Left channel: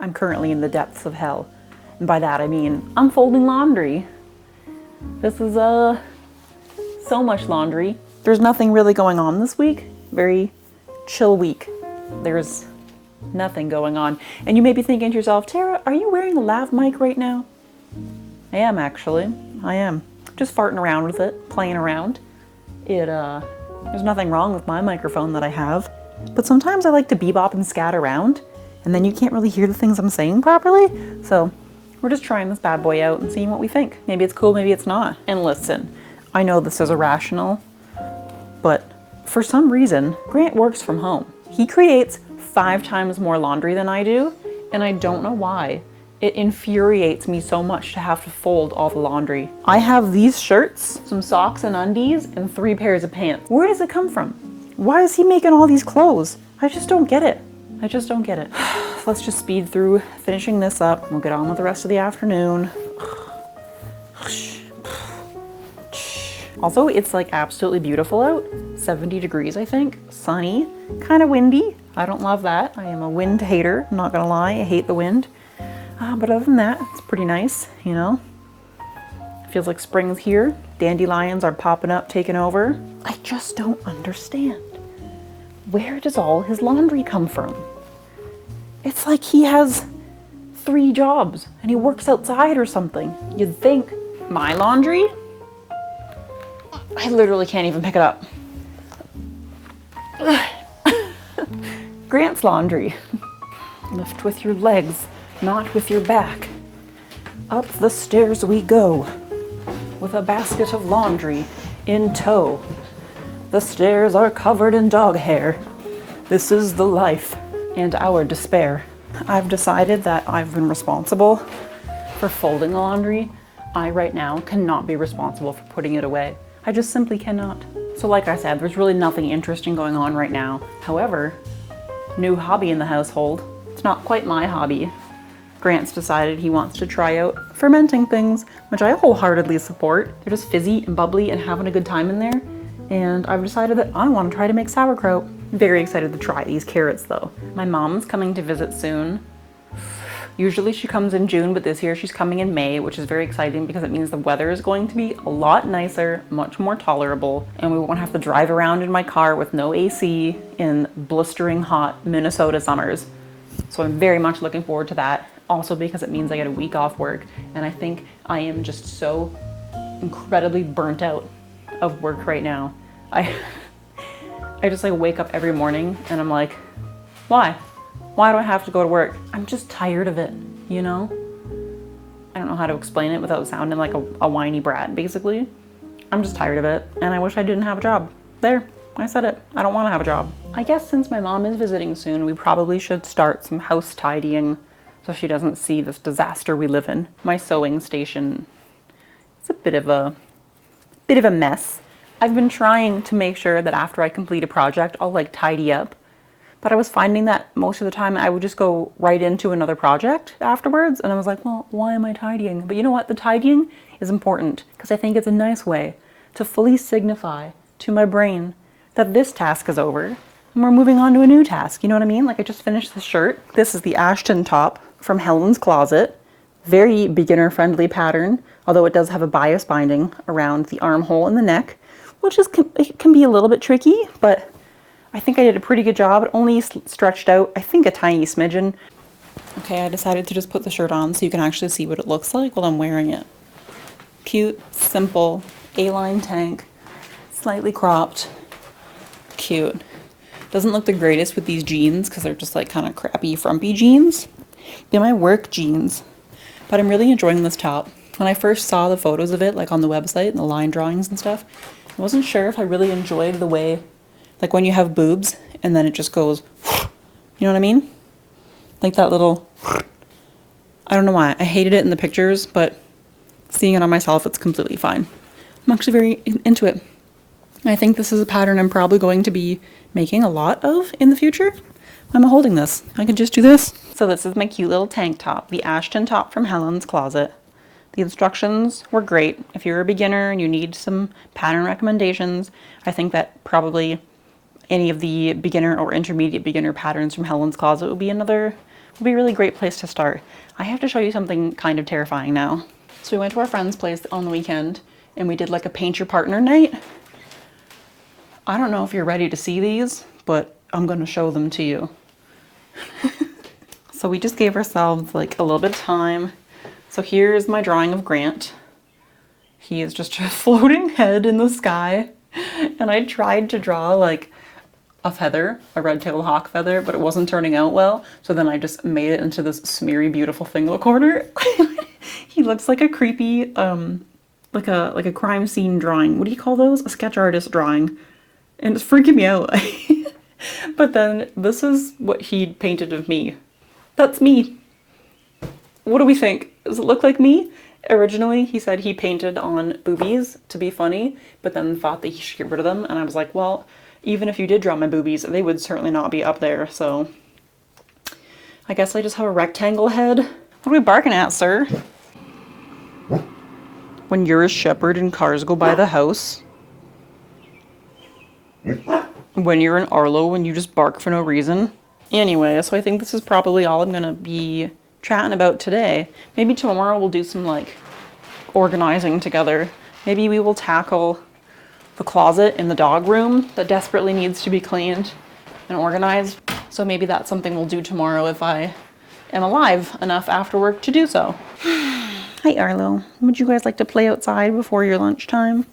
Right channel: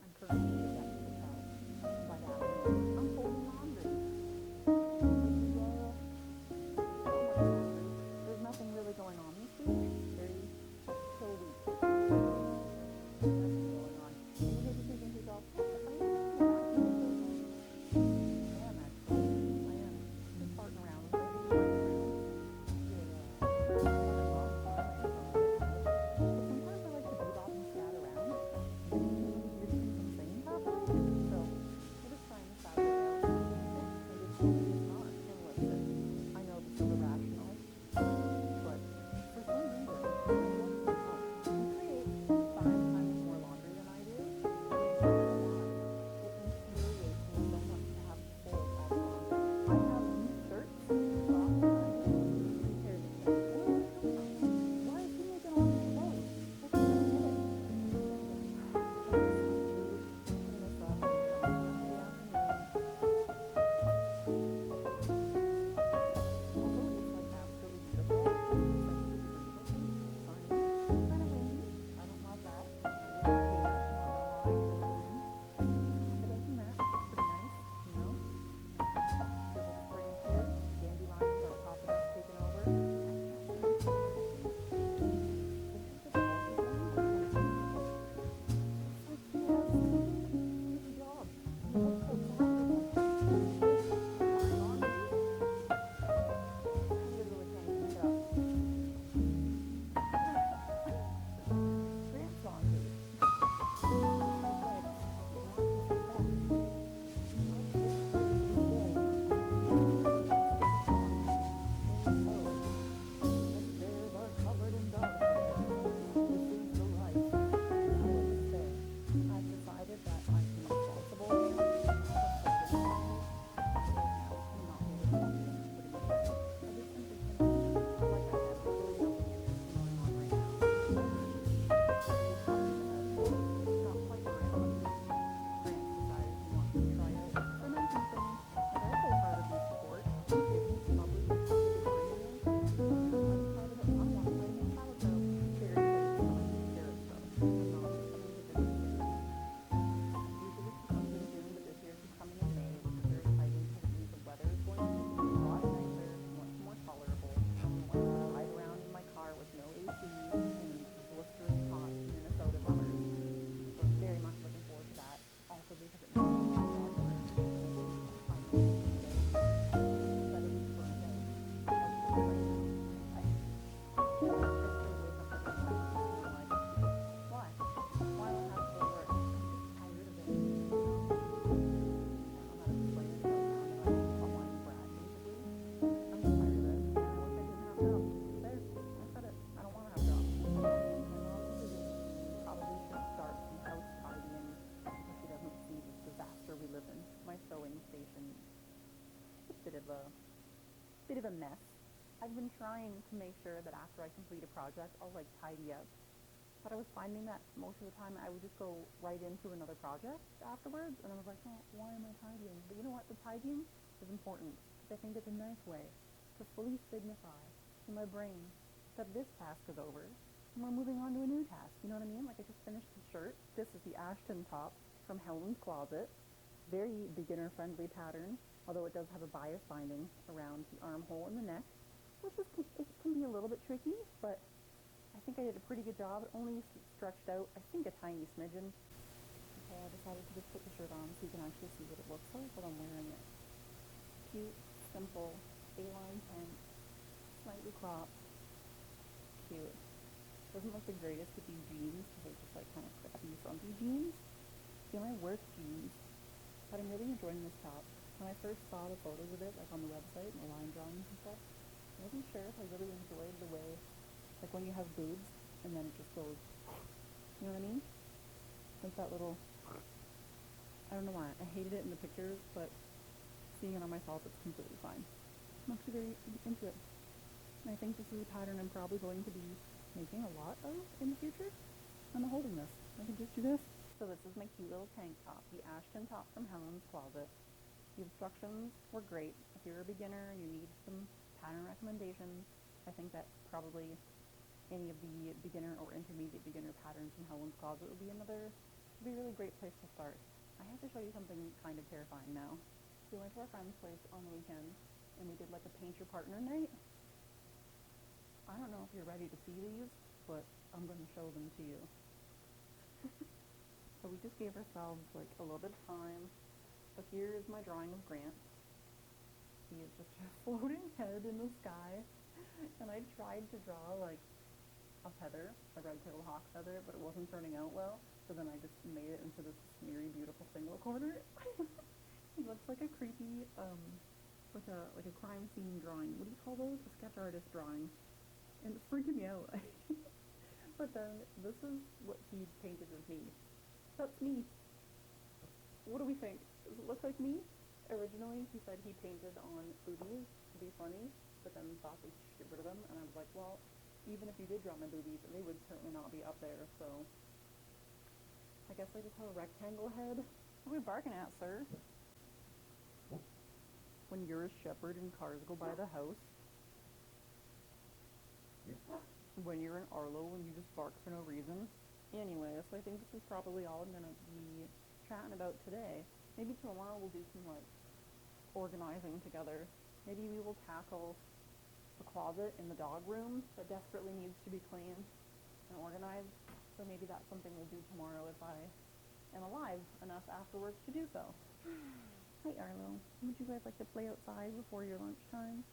I'm currently in the depths of hell. And by that I mean I'm folding laundry. This is so much laundry. There's nothing really going on this week. Very chill week. There's nothing going on. And you may be thinking to yourself, Tara, are you wearing a lav mic right now? I am actually. I am. Just farting around with it, playing around. There's nothing wrong with my microphone that I have. But sometimes I like to bebop and scat around, and then you can't really hear the things I'm saying properly. So we're just trying this bad boy out and seeing what we think. Maybe it's cool, maybe it's not. And listen, I know this is irrational, but for some reason, Grant works from home. He creates 5 times more laundry than I do, and I don't know why. It infuriates me so much to have to fold all the laundry. I have these shirts, some socks and undies, and 3 pairs of pants. Where does it come from? Why is he making all these clothes? I just don't get it. I just don't get it. Let's just speed through finishing this up, and we'll get on with the rest of the afternoon. Also, it's like absolutely beautiful out. 70 degrees, I think. Sunny, kind of windy. I don't love that. I am a wind hater, I'm not gonna lie. I hate the wind. But other than that, it's pretty nice, you know? Feels like spring's here. Dandelions are popping up, taking over. I just don't understand. Where does all his laundry come from? It's like he has 3 jobs and he works outside or something. You'd think, my laundry? I literally can't even pick it up. Grant's laundry. Lift with your legs, not with your back. Up the stairs we go, with a basket of laundry in tow. The stairs are covered in dog hair. This is the life and our despair. I've decided that I've been responsible for folding the laundry. I right now cannot be responsible for putting it away. I just simply cannot. So like I said, there's really nothing interesting going on right now. However, new hobby in the household. It's not quite my hobby. Grant's decided he wants to try out fermenting things, which I wholeheartedly support. They're just fizzy and bubbly and having a good time in there. And I've decided that I want to try to make sauerkraut. I'm very excited to try these carrots though. My mom's coming to visit soon. Usually she comes in June, but this year she's coming in May, which is very exciting because it means the weather is going to be a lot nicer, much more tolerable, and we won't have to drive around in my car with no AC in blistering hot Minnesota summers. So I'm very much looking forward to that. Also because it means I get a week off work, and I think I am just so incredibly burnt out of work right now. I just like wake up every morning and I'm like, why? Why do I have to go to work? I'm just tired of it, you know? I don't know how to explain it without sounding like a whiny brat, basically. I'm just tired of it, and I wish I didn't have a job. There, I said it. I don't want to have a job. I guess since my mom is visiting soon, we probably should start some house tidying so she doesn't see this disaster we live in. My sewing station is a bit of a mess. I've been trying to make sure that after I complete a project, I'll like tidy up. But I was finding that most of the time I would just go right into another project afterwards. And I was like, well, why am I tidying? But you know what? The tidying is important because I think it's a nice way to fully signify to my brain that this task is over and we're moving on to a new task. You know what I mean? Like I just finished the shirt. This is the Ashton top from Helen's Closet. Very beginner-friendly pattern, although it does have a bias binding around the armhole and the neck, which is it can be a little bit tricky, but I think I did a pretty good job. It only stretched out, I think, a tiny smidgen. Okay, I decided to just put the shirt on so you can actually see what it looks like while I'm wearing it. Cute, simple, A-line tank, slightly cropped, cute. Doesn't look the greatest with these jeans because they're just like kind of crappy, frumpy jeans. They're my work jeans, but I'm really enjoying this top. When I first saw the photos of it, like on the website and the line drawings and stuff, I wasn't sure if I really enjoyed the way, like when you have boobs and then it just goes, you know what I mean? Like that little, I don't know why. I hated it in the pictures, but seeing it on myself, it's completely fine. I'm actually very into it. I think this is a pattern I'm probably going to be making a lot of in the future. Why am I holding this? I can just do this. So this is my cute little tank top, the Ashton top from Helen's Closet. The instructions were great. If you're a beginner and you need some pattern recommendations, I think that probably any of the beginner or intermediate beginner patterns from Helen's Closet would be another Would be a really great place to start. I have to show you something kind of terrifying now. So we went to our friend's place on the weekend and we did like a paint your partner night. I don't know if you're ready to see these, but I'm gonna show them to you. So we just gave ourselves like a little bit of time. So here's my drawing of Grant. He is just a floating head in the sky. And I tried to draw like a feather, a red-tailed hawk feather, but it wasn't turning out well. So then I just made it into this smeary, beautiful thing in the corner. He looks like a creepy, like a crime scene drawing. What do you call those? A sketch artist drawing. And it's freaking me out. But then this is what he painted of me. That's me. What do we think? Does it look like me? Originally, he said he painted on boobies to be funny, but then thought that he should get rid of them. And I was like, well, even if you did draw my boobies, they would certainly not be up there. So I guess I just have a rectangle head. What are we barking at, sir? When you're a shepherd and cars go by the house. When you're an Arlo and you just bark for no reason. Anyway, so I think this is probably all I'm gonna be chatting about today. Maybe tomorrow we'll do some like organizing together. Maybe we will tackle the closet in the dog room that desperately needs to be cleaned and organized. So maybe that's something we'll do tomorrow if I am alive enough after work to do so. Hi Arlo, would you guys like to play outside before your lunchtime?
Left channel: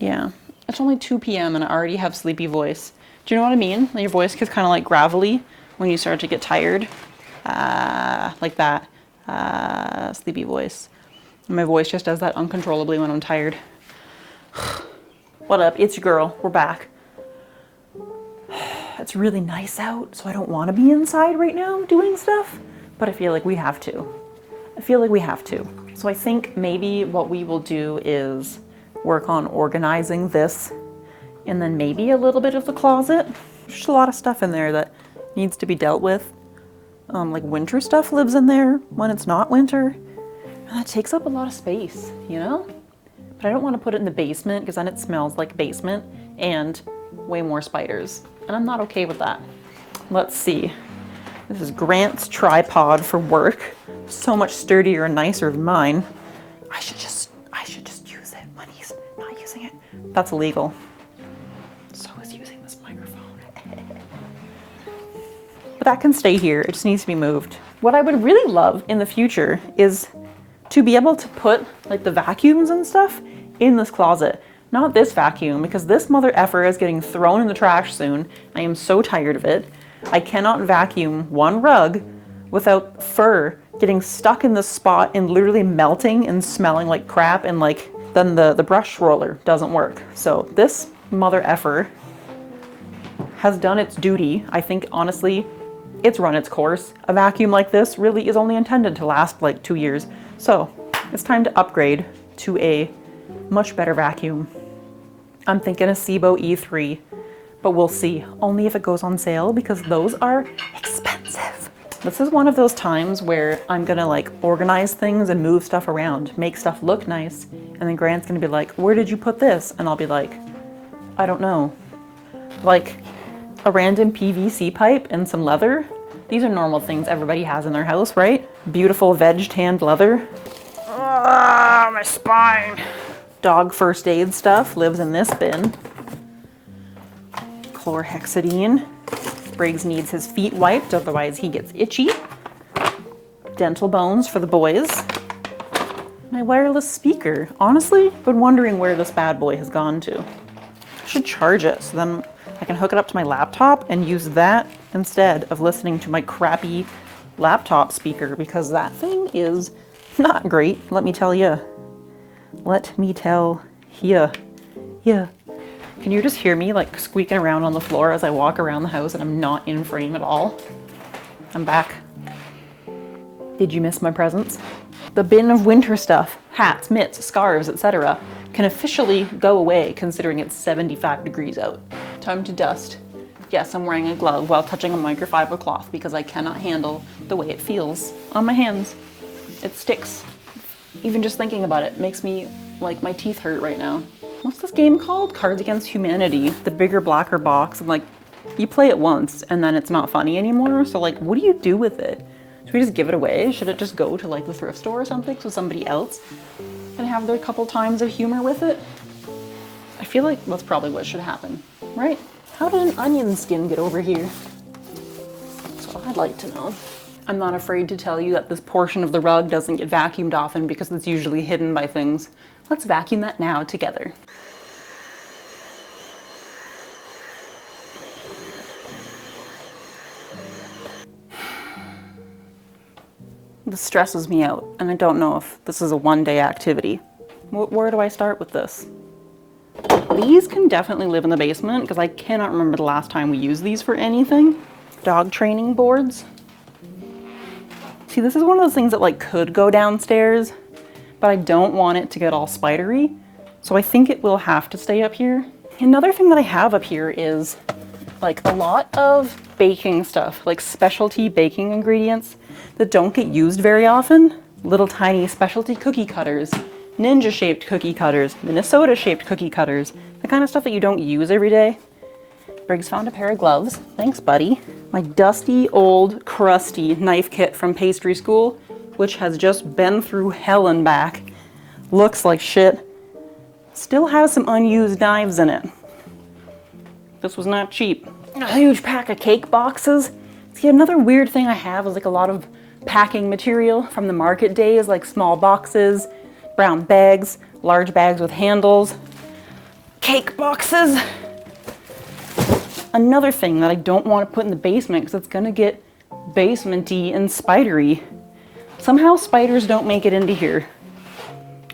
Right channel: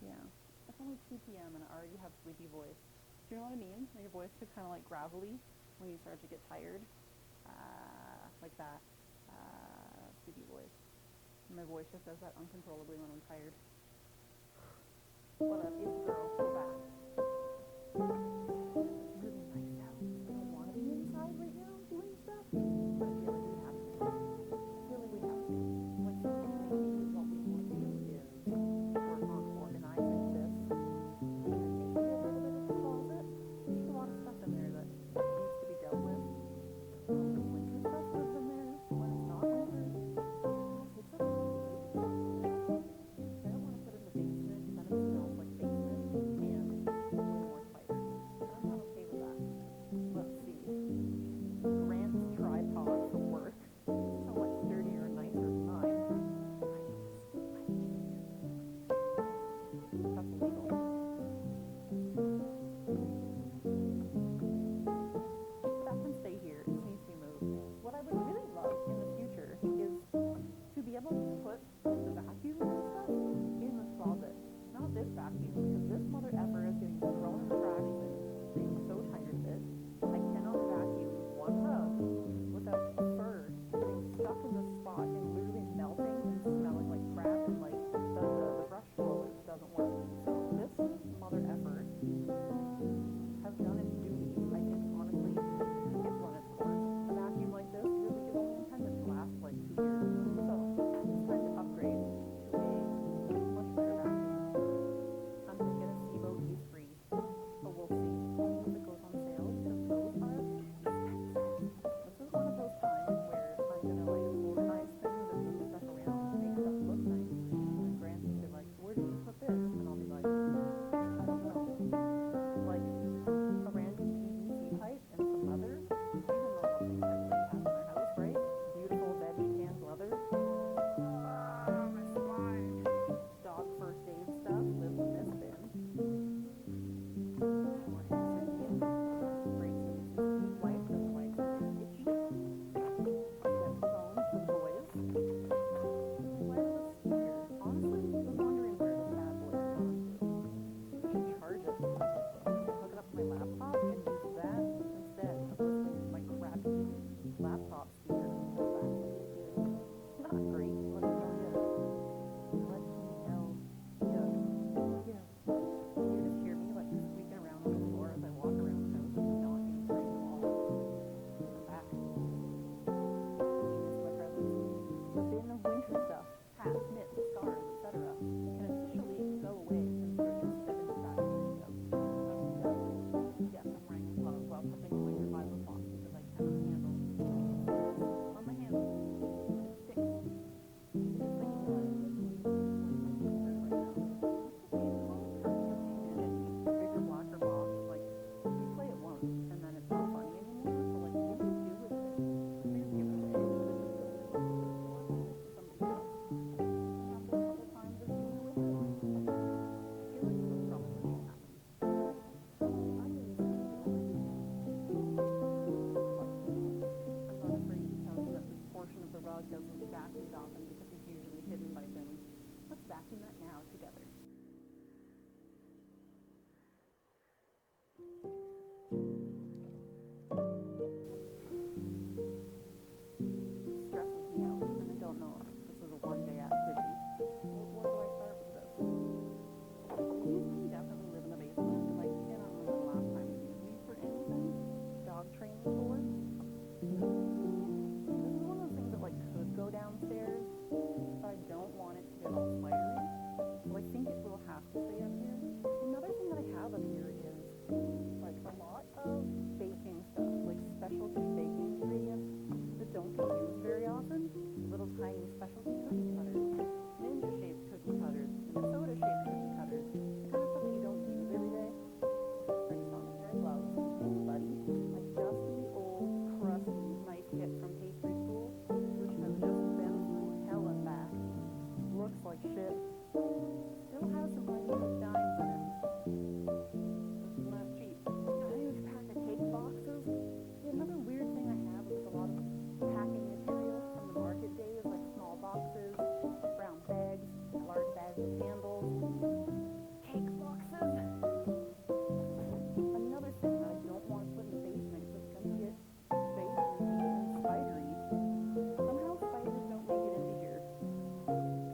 Yeah, it's only 2 p.m. and I already have sleepy voice. Do you know what I mean? Your voice gets kind of like gravelly when you start to get tired. Like that. Sleepy voice. And my voice just does that uncontrollably when I'm tired. What up? It's your girl. We're back. It's really nice out, so I don't want to be inside right now doing stuff, but I feel like we have to. So I think maybe what we will do is work on organizing this and then maybe a little bit of the closet. There's a lot of stuff in there that needs to be dealt with. Like winter stuff lives in there when it's not winter. And that takes up a lot of space, you know? But I don't want to put it in the basement because then it smells like basement and way more spiders. And I'm not okay with that. Let's see. This is Grant's tripod for work. So much sturdier and nicer than mine. I should just use it when he's not using it. That's illegal. So is using this microphone. But that can stay here. It just needs to be moved. What I would really love in the future is to be able to put like the vacuums and stuff in this closet. Not this vacuum, because this mother effer is getting thrown in the trash soon. I am so tired of it. I cannot vacuum one rug without fur getting stuck in the spot and literally melting and smelling like crap, and like then the brush roller doesn't work. So this mother effer has done its duty. I think honestly, it's run its course. A vacuum like this really is only intended to last like 2 years. So it's time to upgrade to a much better vacuum. I'm thinking a Sebo E3, but we'll see. Only if it goes on sale, because those are expensive. This is one of those times where I'm gonna like organize things and move stuff around, make stuff look nice, and then Grant's gonna be like, where did you put this? And I'll be like, I don't know. Like a random PVC pipe and some leather. These are normal things everybody has in their house, right? Beautiful veg tanned leather. Ah, my spine. Dog first aid stuff lives in this bin. Chlorhexidine. Briggs needs his feet wiped, otherwise he gets itchy. Dental bones for the boys. My wireless speaker. Honestly, been wondering where this bad boy has gone to. I should charge it, so then I can hook it up to my laptop and use that instead of listening to my crappy laptop speaker, because that thing is not great, let me tell you. Let me tell ya. Yeah. Can you just hear me like squeaking around on the floor as I walk around the house and I'm not in frame at all? I'm back. Did you miss my presence? The bin of winter stuff, hats, mitts, scarves, etc. can officially go away considering it's 75 degrees out. Time to dust. Yes, I'm wearing a glove while touching a microfiber cloth because I cannot handle the way it feels on my hands. It sticks. Even just thinking about it makes me, like, my teeth hurt right now. What's this game called? Cards Against Humanity. The bigger, blacker box and like You play it once and then it's not funny anymore. So like, what do you do with it? Should we just give it away? Should it just go to like the thrift store or something so somebody else can have their couple times of humor with it? I feel like that's probably what should happen, right? How did an onion skin get over here? That's what I'd like to know. I'm not afraid to tell you that this portion of the rug doesn't get vacuumed often because it's usually hidden by things. Let's vacuum that now together. This stresses me out, and I don't know if this is a one-day activity. Where do I start with this? These can definitely live in the basement because I cannot remember the last time we used these for anything. Dog training boards. See, this is one of those things that like could go downstairs, but I don't want it to get all spidery. So I think it will have to stay up here. Another thing that I have up here is like a lot of baking stuff, like specialty baking ingredients that don't get used very often. Little tiny specialty cookie cutters, ninja shaped cookie cutters, Minnesota shaped cookie cutters, the kind of stuff that you don't use every day. Briggs found a pair of gloves. Thanks, buddy. My dusty, old, crusty knife kit from pastry school, which has just been through hell and back. Looks like shit. Still has some unused knives in it. This was not cheap. A huge pack of cake boxes. See, another weird thing I have is like a lot of packing material from the market days, like small boxes, brown bags, large bags with handles, cake boxes. Another thing that I don't want to put in the basement because it's gonna get basement-y and spidery. Somehow spiders don't make it into here.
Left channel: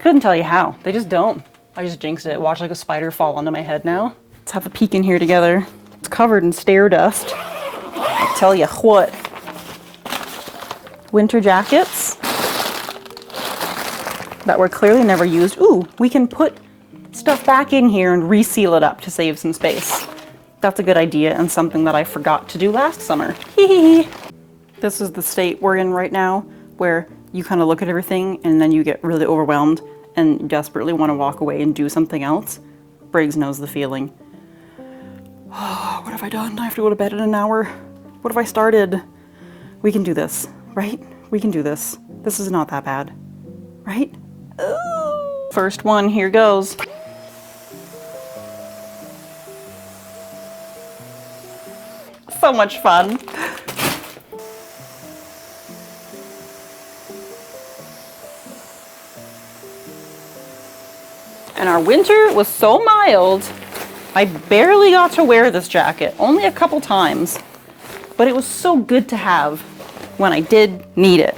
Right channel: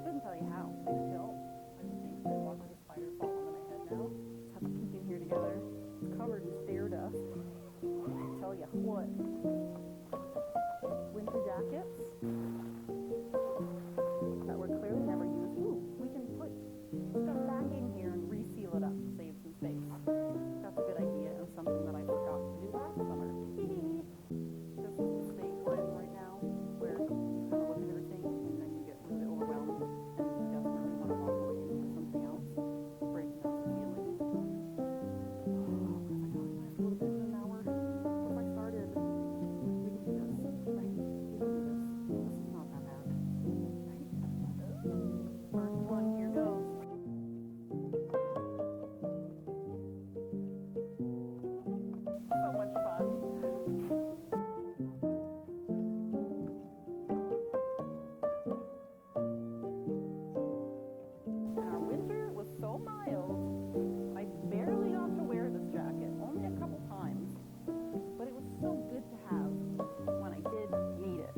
Couldn't tell you how, they just don't. I just jinxed it. Watch like a spider fall onto my head now. Let's have a peek in here together. It's covered in stair dust. I'll tell you what. Winter jackets that were clearly never used. Ooh, we can put stuff back in here and reseal it up to save some space. That's a good idea and something that I forgot to do last summer. This is the state we're in right now, where you kind of look at everything and then you get really overwhelmed and desperately want to walk away and do something else. Briggs knows the feeling. Oh, what have I done? I have to go to bed in an hour. What have I started? We can do this, right? We can do this. This is not that bad, right? Ooh. First one, here goes. So much fun. And our winter was so mild, I barely got to wear this jacket, only a couple times, but it was so good to have when I did need it.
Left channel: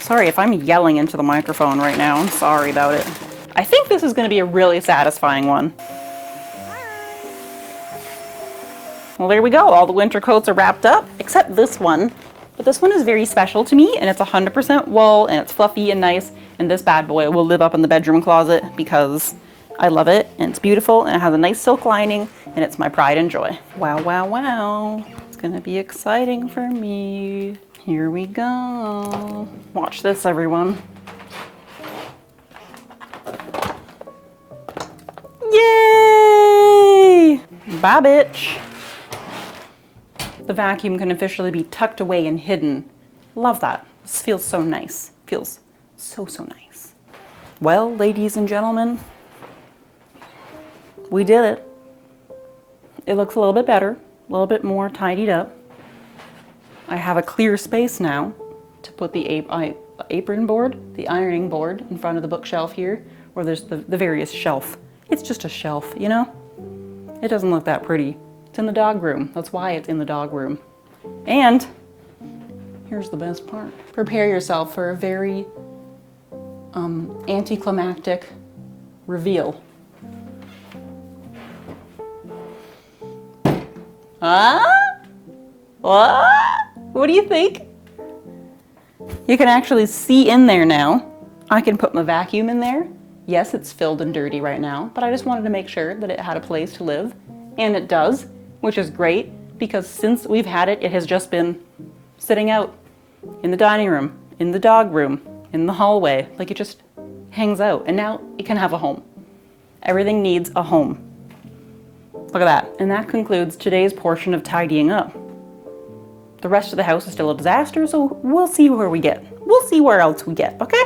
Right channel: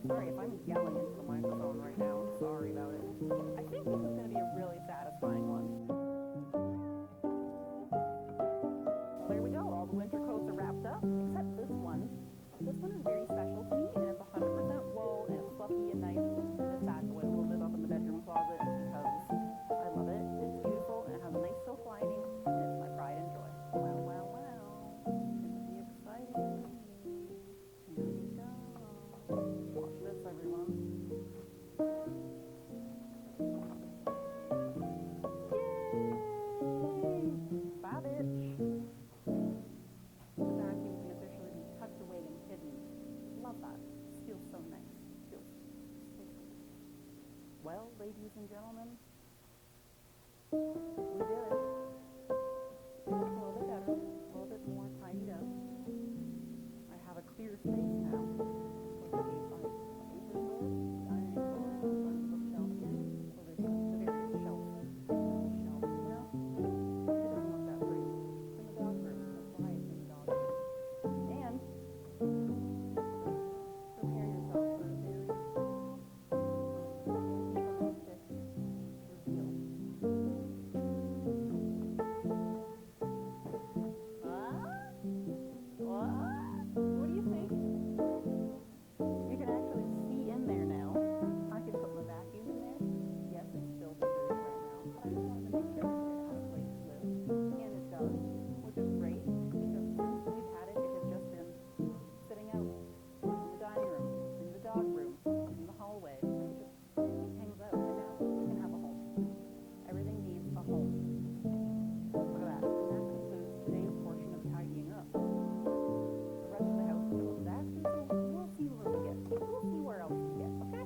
Sorry if I'm yelling into the microphone right now, I'm sorry about it. I think this is gonna be a really satisfying one. Well, there we go. All the winter coats are wrapped up, except this one. But this one is very special to me, and it's 100% wool, and it's fluffy and nice, and this bad boy will live up in the bedroom closet because I love it, and it's beautiful, and it has a nice silk lining, and it's my pride and joy. Wow, wow, wow. It's gonna be exciting for me. Here we go. Watch this, everyone. Yay! Bye, bitch. The vacuum can officially be tucked away and hidden. Love that. This feels so nice. Feels so, so nice. Well, ladies and gentlemen, we did it. It looks a little bit better, a little bit more tidied up. I have a clear space now to put the apron board, the ironing board in front of the bookshelf here, where there's the various shelf. It's just a shelf, you know? It doesn't look that pretty. It's in the dog room. That's why it's in the dog room. And here's the best part. Prepare yourself for a very anticlimactic reveal. What do you think? You can actually see in there now. I can put my vacuum in there. Yes, it's filled and dirty right now, but I just wanted to make sure that it had a place to live. And it does, which is great, because since we've had it, it has just been sitting out in the dining room, in the dog room, in the hallway. Like, it just hangs out, and now it can have a home. Everything needs a home. Look at that. And that concludes today's portion of tidying up. The rest of the house is still a disaster, so we'll see where we get. We'll see where else we get, okay?